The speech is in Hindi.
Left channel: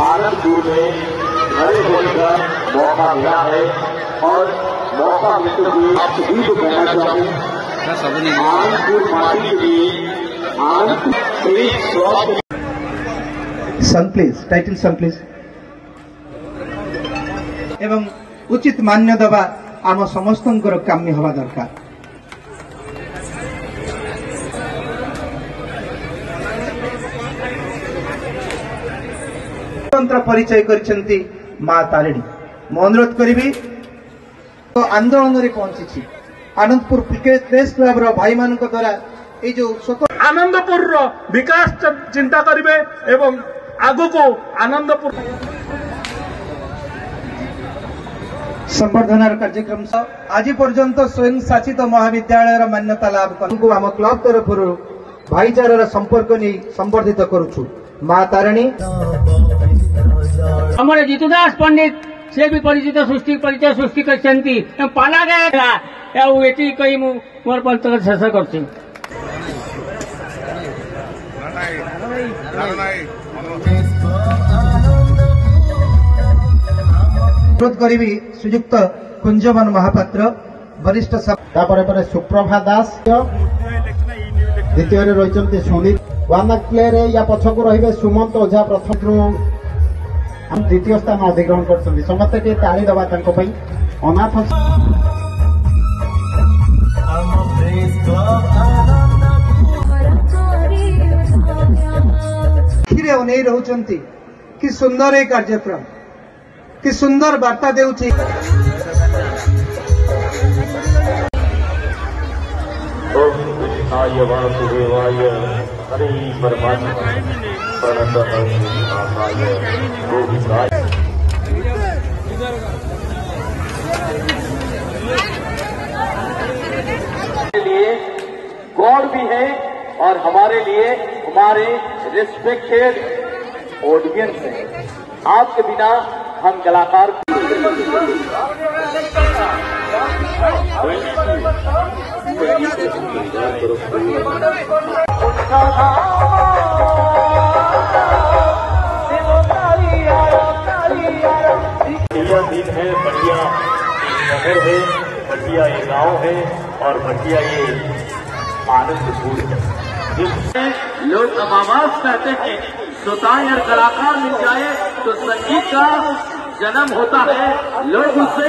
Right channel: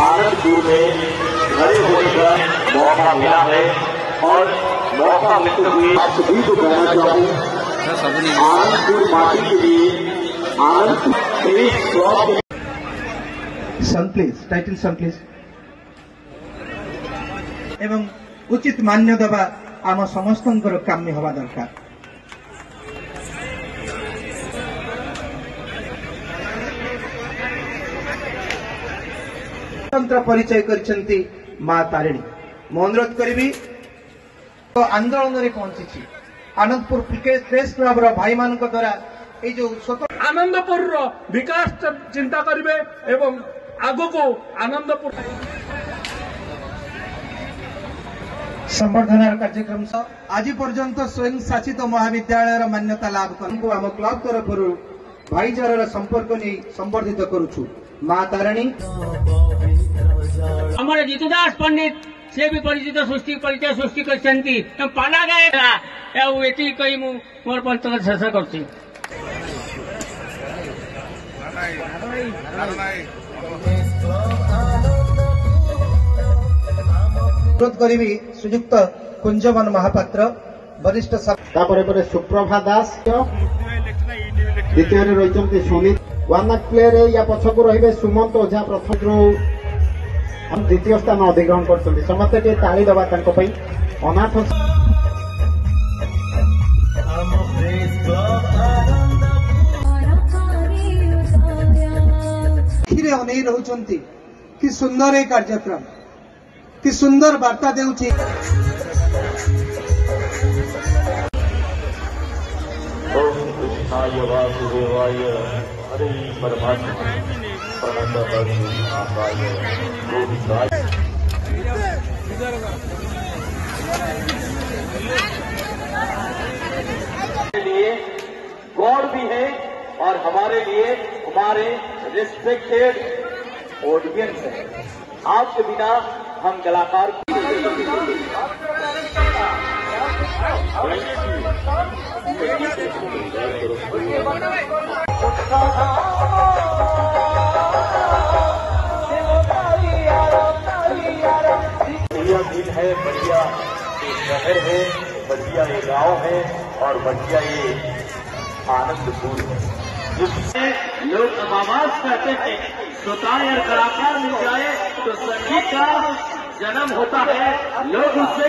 आनंदपुर में खड़े होने का मौका मिला है और मौका मिलते हुए सभी को कहना चाहूँ आनंदपुर माटी के लिए आनंदपुर सन प्लीज टाइटल सन प्लीज एवं उचित मान्य देवा आम समस्त काम्य हवा दरकार। स्वतंत्र परिचय करछंती मां तारिणी मु अनुरोध करी तो आंदोलन में पहुंची आनंदपुर प्रेस क्लब भाई मान द्वारा ये जो आनंदपुर विकास चिंता करेंगे एवं आगो को आनंदपुर संवर्धनार कार्यक्रम आज पर्यंत स्वयं शासित महाविद्यालय मान्यता लाभ कर आम क्लब तरफ भाईचारार संपर्क नहीं संवर्धित करुछु मां तारिणी हमारे जीतुदास पंडित से भी परिचय सृष्टि करछंती पाला गया एटी कही मोर पंचक शेष कर अनुरोध करी श्रीयुक्त कुंजवन महापात्र वरिष्ठ सुप्रभा दास द्वितीय रही सुमित वन प्ले या पछक रे सुमंत ओझा प्रथम द्वितीय स्थान अधिग्रहण कर समस्ते ताली दबा अनाथ अनेई रहउचंती कि सुंदर ए कार्यक्रम कि सुंदर वार्ता देउछि लिए गॉड भी है और हमारे लिए हमारे रिस्पेक्टेड ऑडियंस है। आपके बिना हम कलाकार बढ़िया दिन है, बढ़िया शहर है, बढ़िया ये गाँव है और बढ़िया ये आनंदपुर है जिससे लोग अब आवाज करते हैं श्रोताएं और कलाकार मिल जाए तो संगीत का जन्म होता है। लोग उससे